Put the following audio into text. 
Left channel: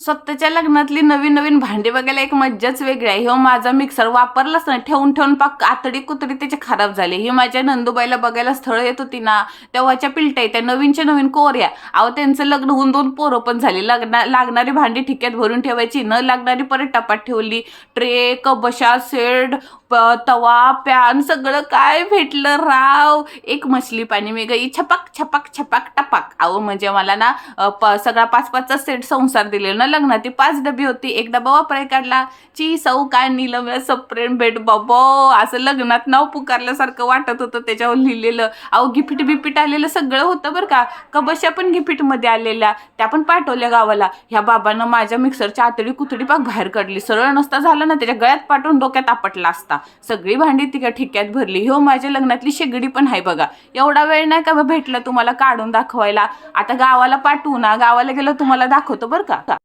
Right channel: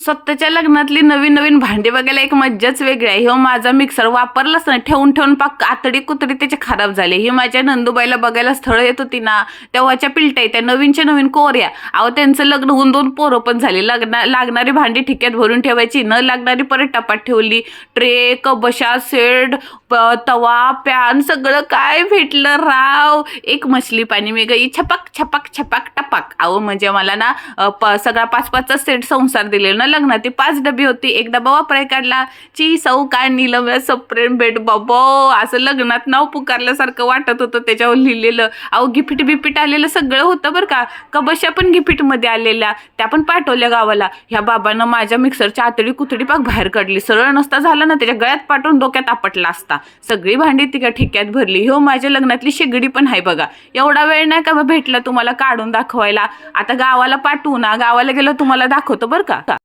स्वतःच्या लग्नातली नवीन नवीन भांडी बघायला एक मज्जाच वेगळी आहे. हो माझा मिक्सर वापरलाच नाही, ठेवून ठेवून पाक आतडी कुतडी त्याचे खराब झाले. ही माझ्या नंदूबाईला बघायला स्थळ येत होती ना, तेव्हाच्या पिलट्या त्या नवीनच्या नवीन कोऱ्या. अहो त्यांचं लग्न होऊन 2 पोरं पण झाली. लागणारी भांडी ठिक्यात भरून ठेवायची, न लागणारी परत टपात ठेवली. ट्रे, कबशा, सेट, तवा, पॅन सगळं काय भेटलं राव. एक मछली पाणी मी गई छपाक छपाक छपाक टपाक. अहो म्हणजे मला ना सगळा 5-5चा सेट संसार दिलेला ना लग्नात. ती 5 डबी होती, एक डबा वापराय काढला. ची सौका नीलम सप्रेम भेट बाबो, असं लग्नात नाव पुकारल्यासारखं वाटत होतं त्याच्यावर लिहिलेलं. अहो गिफ्ट बिपिट आलेलं सगळं होतं बरं का. कबशा पण गिफ्टमध्ये आलेल्या, त्या पण पाठवल्या गावाला. ह्या बाबांना माझ्या मिक्सरच्या आतडी कुतडी पाक बाहेर काढली. सरळ नसता झालं ना, त्याच्या गळ्यात पाठवून डोक्यात आपटला असता. सगळी भांडी ती ठिक्यात भरली. हो माझ्या लग्नातली शेगडी पण आहे बघा. एवढा वेळ नाही का भेटला तुम्हाला काढून दाखवायला. आता गावाला पाठवू ना, गावाला गेलो तुम्हाला दाखवतो बरं का.